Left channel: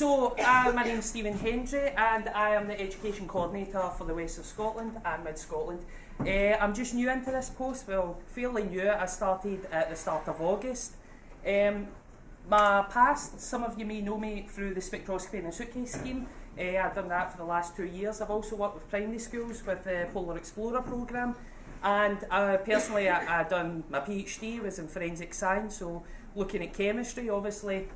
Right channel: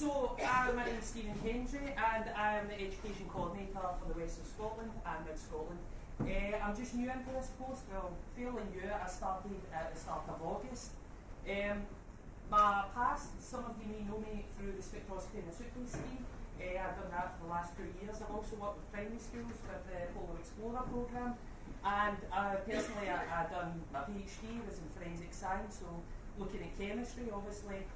My name is Hendry and I am the Education Coordinator for the West of Scotland and Mid Scotland. I'm just new into this post, well, fairly new. I started at the start of August. My past, some of you may know me through the spectroscopy and the suitcase scheme. I've done that for the last 2 years. I've also worked with primary schools with the Polar Explorer programme, and personally I've done my PhD, was in forensic science, so looking at chemistry. Obviously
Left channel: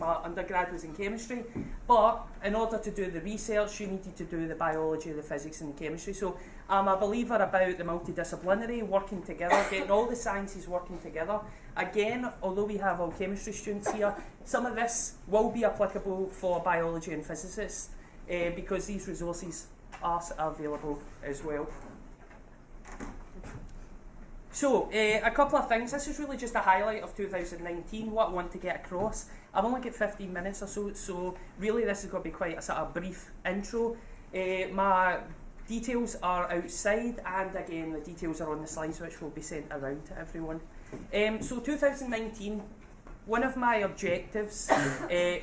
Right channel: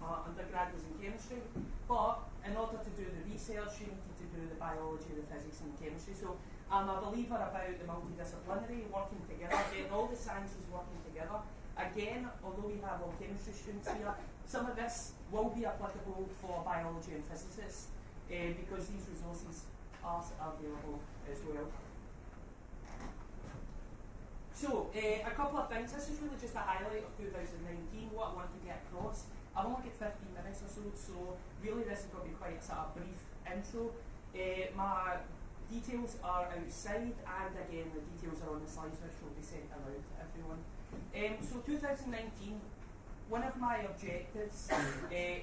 my undergrad was in chemistry, but in order to do the research you needed to do the biology, the physics and the chemistry. So I'm a believer about the multidisciplinary, working together, getting all the sciences working together. Again, although we have all chemistry students here, some of this will be applicable for biology and physicists because these resources are available as well. So, a couple of things. This is really just a highlight of 2019, what I want to get across. I've only got 15 minutes or so really this is going to be quite a sort of brief intro. My details are outside, and again the details are on the slides which will be sent around to everyone. So 2019, one of my objectives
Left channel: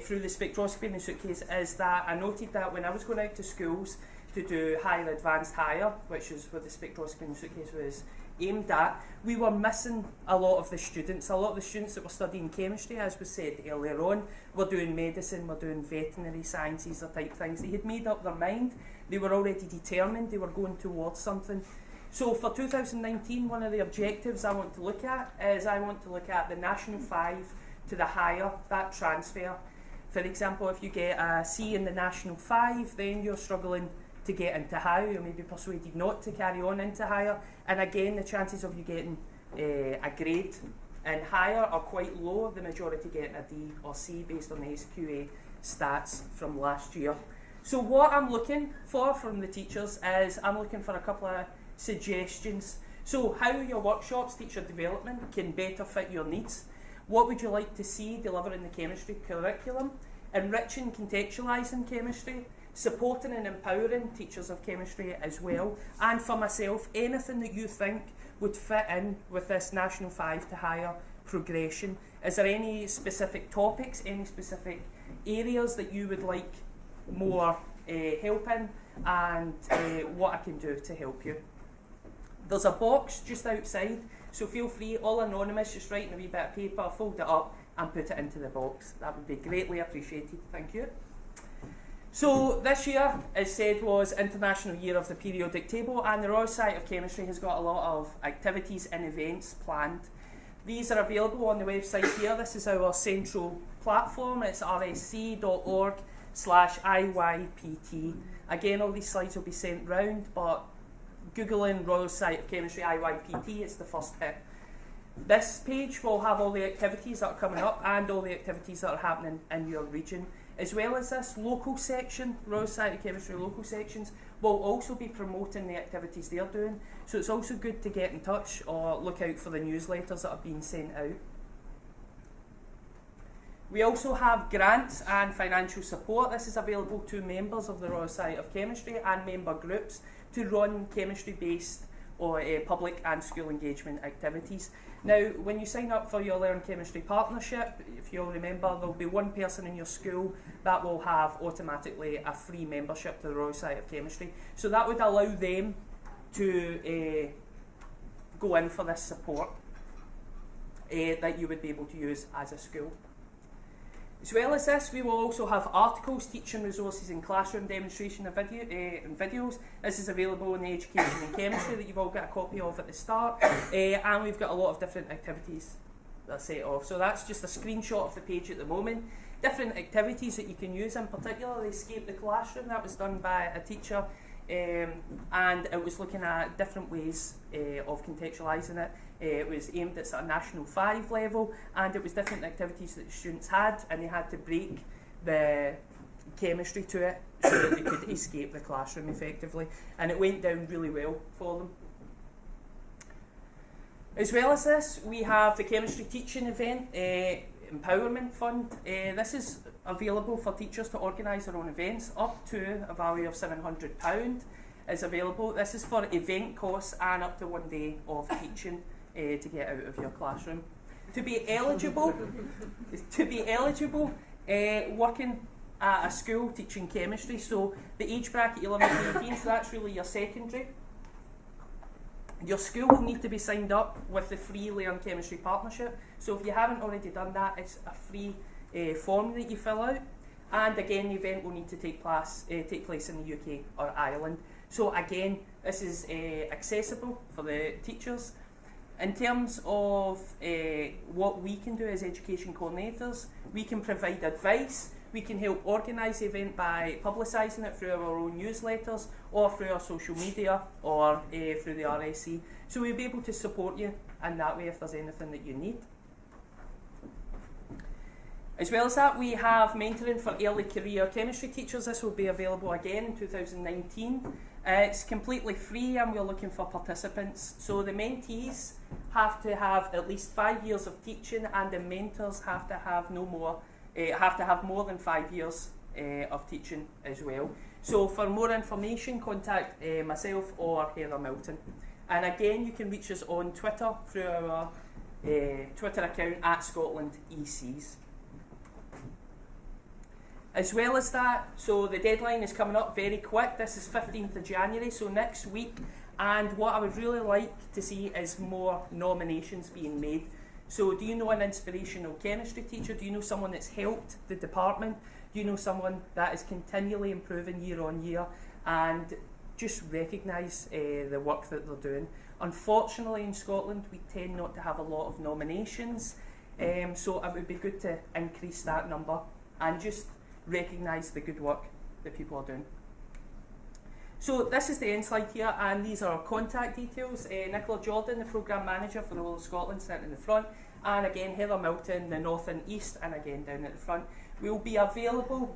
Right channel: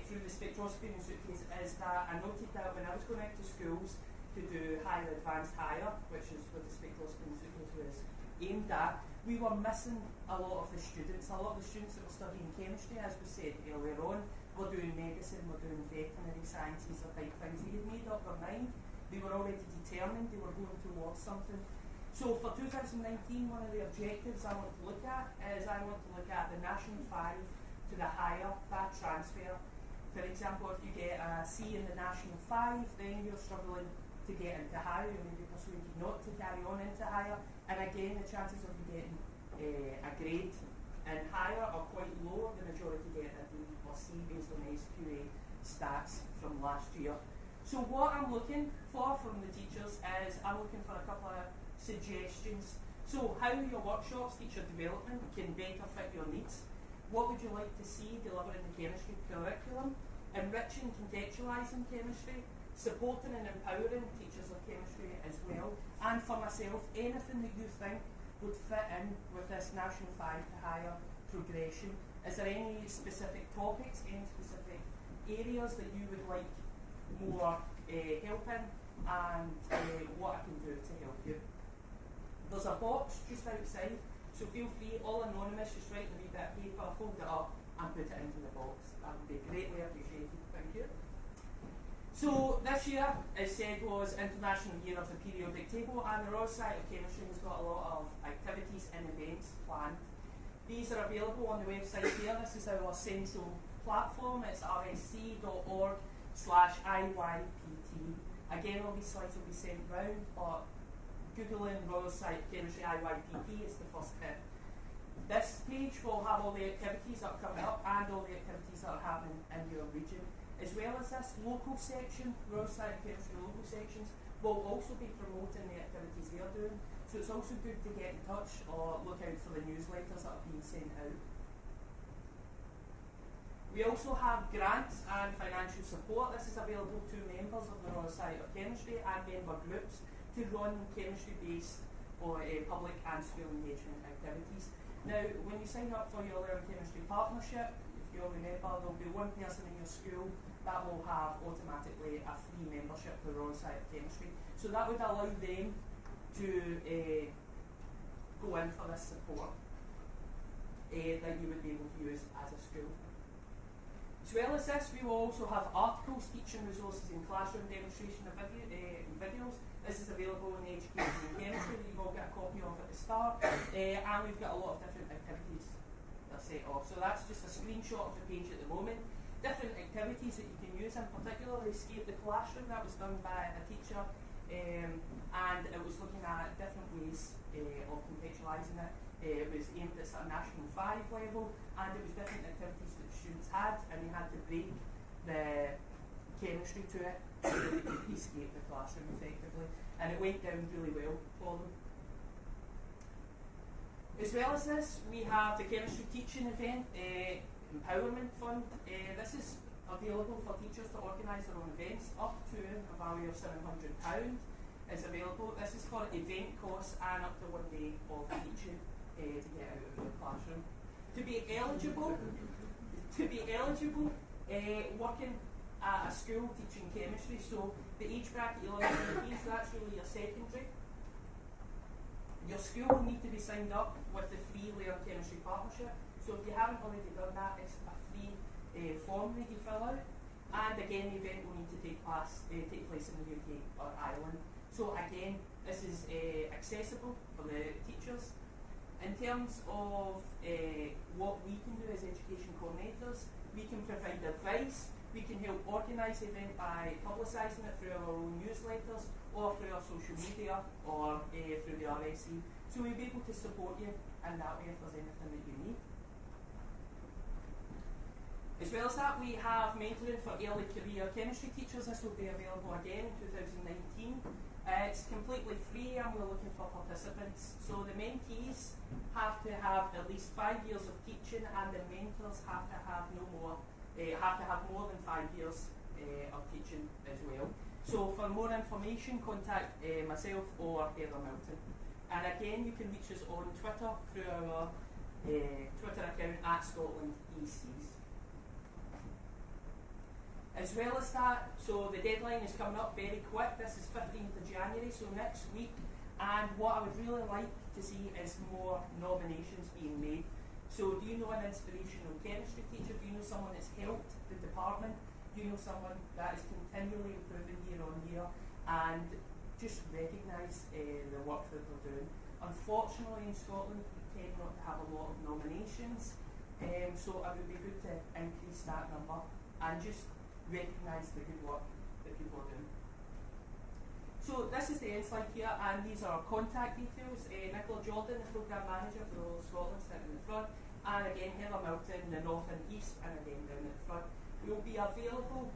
through the spectroscopy in the suitcase is that I noted that when I was going out to schools to do higher advanced higher, which is what the spectroscopy in the suitcase was aimed at, we were missing a lot of the students. A lot of the students that were studying chemistry, as was said earlier on, were doing medicine, were doing veterinary sciences or type things. They had made up their mind, they were already determined, they were going towards something. So for 2019, one of the objectives I want to look at is I want to look at the National 5 to the higher, that transfer. For example, if you get a C in the National 5, then you're struggling to get into higher, you may be persuaded not to carry on into higher, and again the chances of you getting a grade in higher are quite low, the majority getting a D or C based on the SQA stats from last year. So what I'm looking for from the teachers is I'm looking for a couple of suggestions. So how your workshops, teacher development, can better fit your needs. What would you like to see delivered in the chemistry curriculum? Enriching, contextualising chemistry, supporting and empowering teachers of chemistry as well, and for myself, anything that you think would fit in with this National 5 to higher progression. Is there any specific topics, any specific areas that you would like more help in, and what I can do to help you? There's a box just outside, so feel free, all anonymous, just write in a wee bit of paper, fold it up and put it into the box. That would be greatly appreciated, thank you. So this year, as said, was International Year of the Periodic Table, and the Royal Society of Chemistry has got a lot of activities and events planned. These are available on the website here. This is our central platform. It's rsc.org/IYPT. Again, all these slides will be sent round, but Googling Royal Society of Chemistry IYPT is the first hit. This page will have all the activities that are coming up and all the activities that are happening in your region. As well as this local section, Royal Society of Chemistry local sections, will also be promoting the activities they're doing. So it's also good to get in touch or look out for the newsletters that are being sent out. We also have grants and financial support. This is available to members of the Royal Society of Chemistry and member groups to run chemistry-based or public and school engagement activities. Now, when you sign up for your Learn Chemistry Partnership, if you'll remember, there'll be one person in your school that will have automatically a free membership to the Royal Society of Chemistry. So that would allow them to go in for this support that you would be able to use as a school. As well as this, we will also have articles, teaching resources and classroom demonstration of and videos. This is available in the Education and Chemistry that you've all got a copy of at the start. And we've got a lot of different activities that are set off. So that's just a screenshot of the page at the moment. Different activities that you can use, in particular the Escape the Classroom, that was done by a teacher, and it was looking at different ways of contextualising it. It was aimed at sort of National 5 level, and it was different activities that the students had, and they had to break the chemistry to it so that they could escape the classroom effectively, and it went down really well for them. As well as this, we have the chemistry teaching event, Empowerment Fund. This is available for teachers to organise their own events. Up to a value of £700 is available. This is for event costs and up to 1 day of teaching to get out of your classroom. To be eligible, working at a school teaching chemistry, so the age bracket 11 to 18, so that's really your secondary. Your school will need to be signed up with the free Learn Chemistry Partnership. So if you haven't already done that, it's a free form that you fill out. And again, the event will need to take place in the UK or Ireland. So again, this is accessible for the teachers. In terms of what we can do as education coordinators, we can provide advice. We can help organise the event by publicising it through our own newsletters or through our social media or through the RSC. So we'll be able to support you in that way if there's anything that you need. As well as that, we have mentoring for early career chemistry teachers. This will be available again in 2019. It's completely free and we're looking for participants. So the mentees have to have at least 5 years of teaching and the mentors have to have more than 5 years of teaching as well. So for more information, contact myself or Heather Milton. And again, you can reach us on Twitter through our Twitter account at Scotland ECs. As well as that, so the deadline is coming up very quick. This is 15th of January, so next week. And what I would really like to see is more nominations being made. So do you know an inspirational chemistry teacher? Do you know someone that's helped the department? Do you know someone that is continually improving year on year? And just recognise the work that they're doing. Unfortunately in Scotland we tend not to have a lot of nominations, so it would be good to increase that number and just recognise the good work that people are doing. So this is the end slide here, and these are our contact details. Nicola Jordan, the Programme Manager for the whole of Scotland, sitting in the front, and again Heather Milton, the North and East, and again down at the front. We'll be available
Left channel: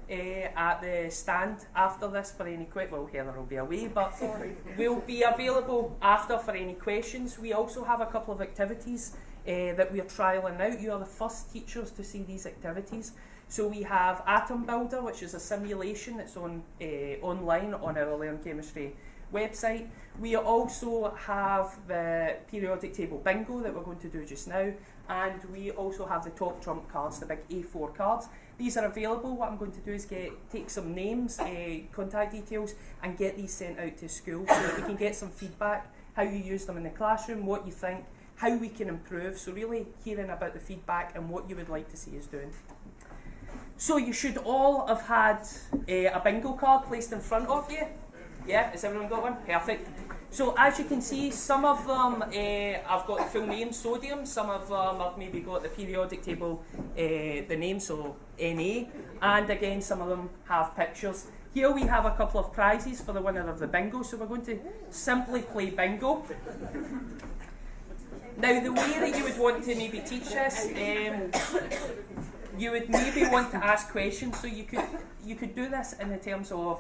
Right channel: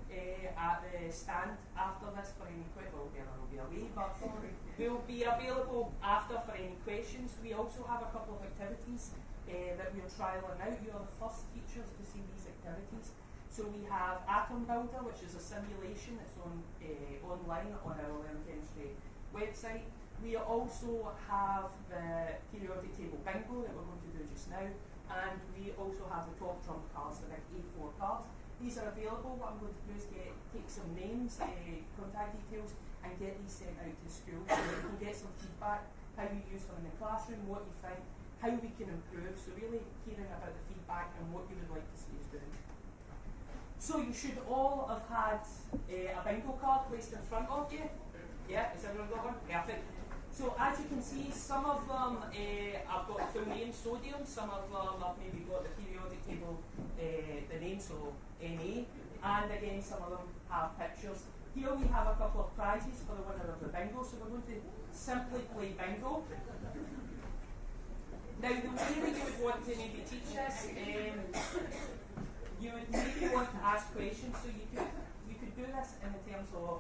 at the stand after this for any questions. Well, Heather will be away, but we'll be available after for any questions. We also have a couple of activities that we are trialling out. You are the first teachers to see these activities. So we have Atom Builder, which is a simulation that's on online on our Learn Chemistry website. We also have the periodic table bingo that we're going to do just now, and we also have the top trump cards, the big A4 cards. These are available. What I'm going to do is take some names, contact details, and get these sent out to school so that we can get some feedback, how you use them in the classroom, what you think, how we can improve. So really hearing about the feedback and what you would like to see us doing. So you should all have had a bingo card placed in front of you. Yeah, has everyone got one? Perfect. So as you can see, some of them I've got the full name, sodium, some of them I've maybe got the periodic table, the name, so Na, and again some of them have pictures. Here we have a couple of prizes for the winner of the bingo, so we're going to simply play bingo. Now the way that you would want to maybe teach this, you would maybe want to ask questions, so you could do this in the terms of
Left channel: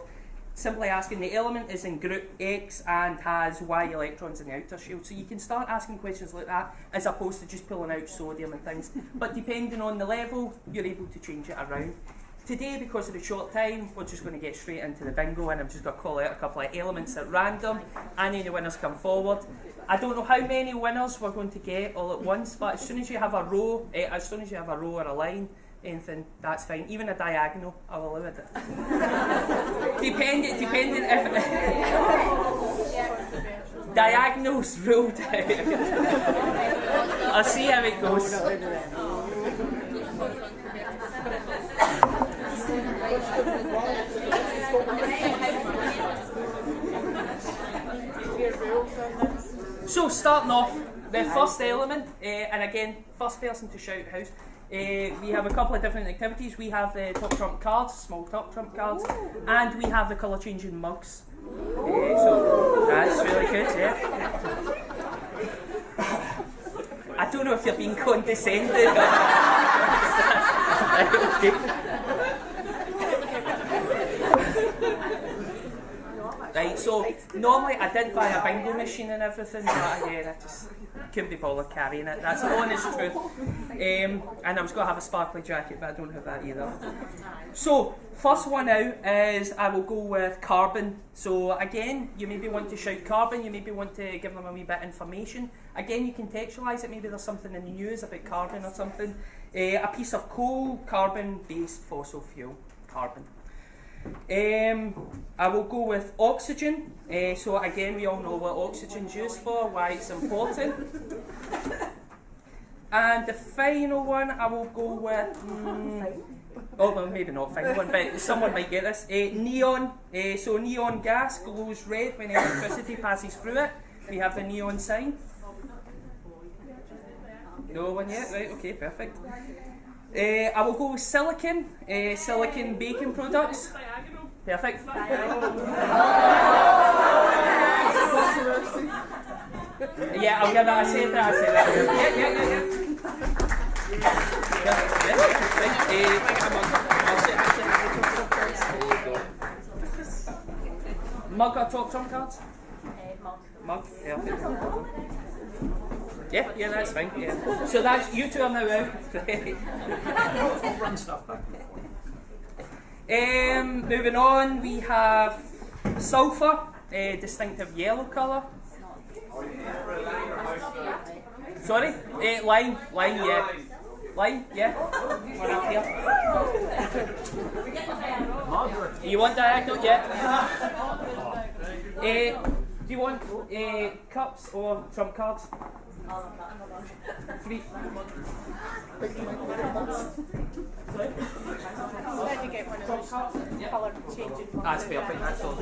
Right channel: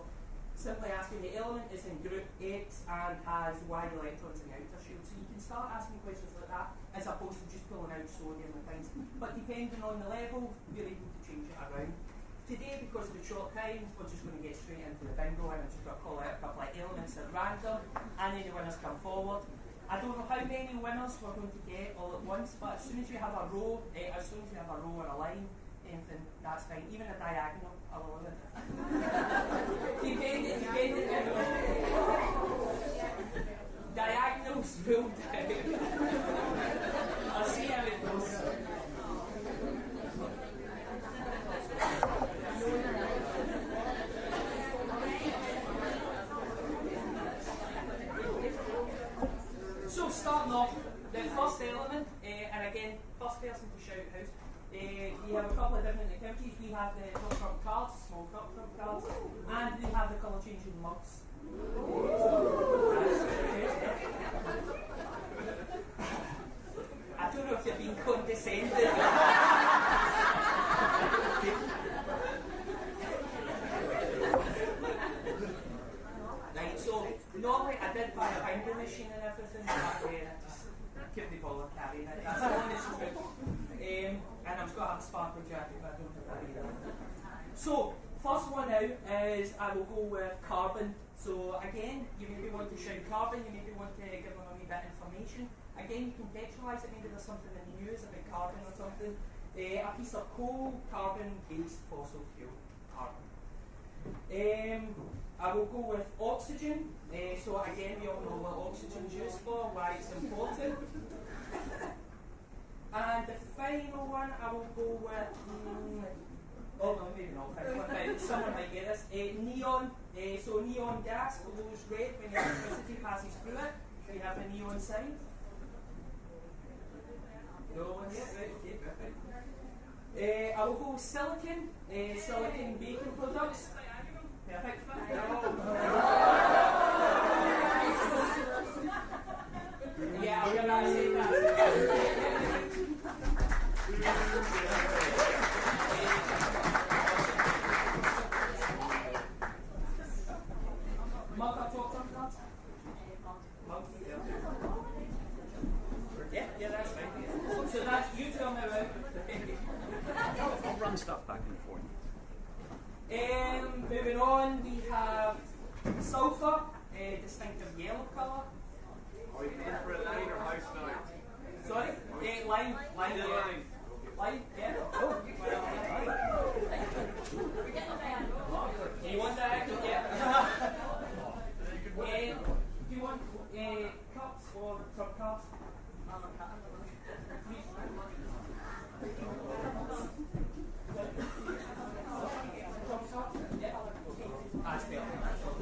simply asking the element is in group X and has Y electrons in the outer shell. So you can start asking questions like that as opposed to just pulling out sodium and things. But depending on the level, you're able to change it around. Today, because of the short time, we're just going to get straight into the bingo, and I'm just going to call out a couple of elements at random, and any winners come forward. I don't know how many winners we're going to get all at once, but as soon as you have a row, or a line, anything, that's fine. Even a diagonal, I will allow it. Depending if diagonals ruled out. I'll see how it goes. So starting off, the first element, and again, first person to shout house. We have a couple of different activities. We have the top trump cards, small top trump cards, and we have the colour changing mugs. So that's really good, yeah. I don't know if you're being condescending. Right, so normally I did buy a bingo machine and everything, but again, I just couldn't be bothered carrying it. That's the honest truth. And I was going to have a sparkly jacket, but I don't have that either. So, first one out is I will go with carbon. So again, you maybe want to shout carbon, you maybe want to give them a wee bit of information. Again, you contextualise it, maybe there's something in the news about carbon or something. A piece of coal, carbon-based fossil fuel, carbon. I will go with oxygen. So again, we all know what oxygen's used for, why it's important. And the final one, I will go with. Oh, well, maybe not final one, but someone might get this. Neon. So neon gas glows red when electricity passes through it. We have the neon sign. No one yet? Right, okay, perfect. I will go with silicon. Silicon baking products. Perfect. Yeah, I'll give that a say. Yeah. Mug or top trump cards? Mug. Perfect. Yeah, that's fine. Yeah. So that's you two are now out. I'll run stuff back and forth. Moving on, we have sulphur, distinctive yellow colour. Sorry? Lime, yeah. Lime, yeah. One up here. You want that? Yeah. Do you want cups or trump cards? Three. That's perfect. That's all.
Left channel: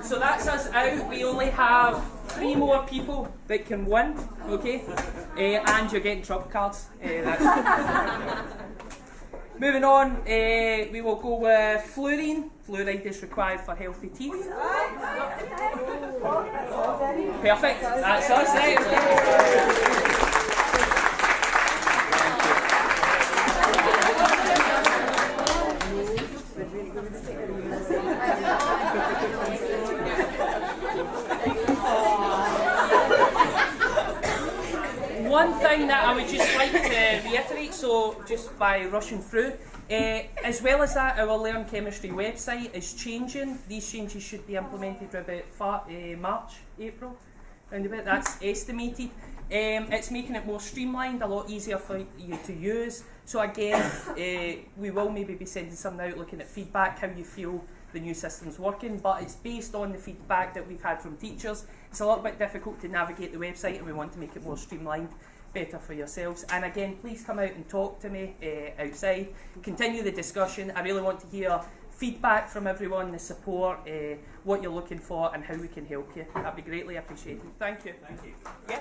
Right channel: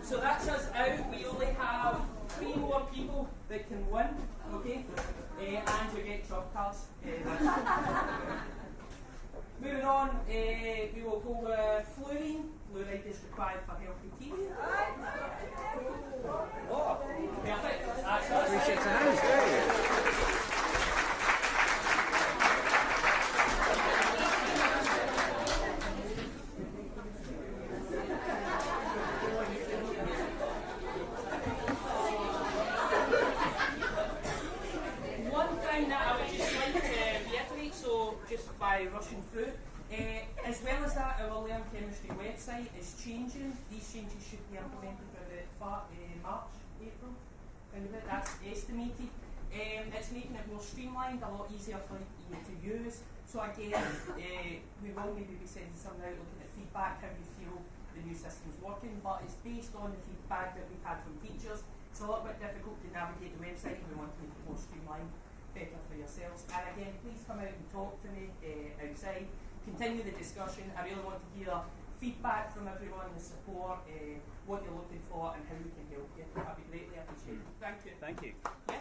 So that's us out. We only have 3 more people that can win, okay? And you're getting trump cards. Moving on, we will go with fluorine. Fluoride is required for healthy teeth. Perfect. That's us. One thing that I would just like to reiterate, so just by rushing through, as well as that, our Learn Chemistry website is changing. These changes should be implemented about March, April, around about. That's estimated. It's making it more streamlined, a lot easier for you to use. So again, we will maybe be sending something out looking at feedback, how you feel the new system's working, but it's based on the feedback that we've had from teachers. It's a little bit difficult to navigate the website, and we want to make it more streamlined, better for yourselves. And again, please come out and talk to me outside, continue the discussion. I really want to hear feedback from everyone, the support, what you're looking for and how we can help you. That'd be greatly appreciated. Thank you. Thank you. Yeah.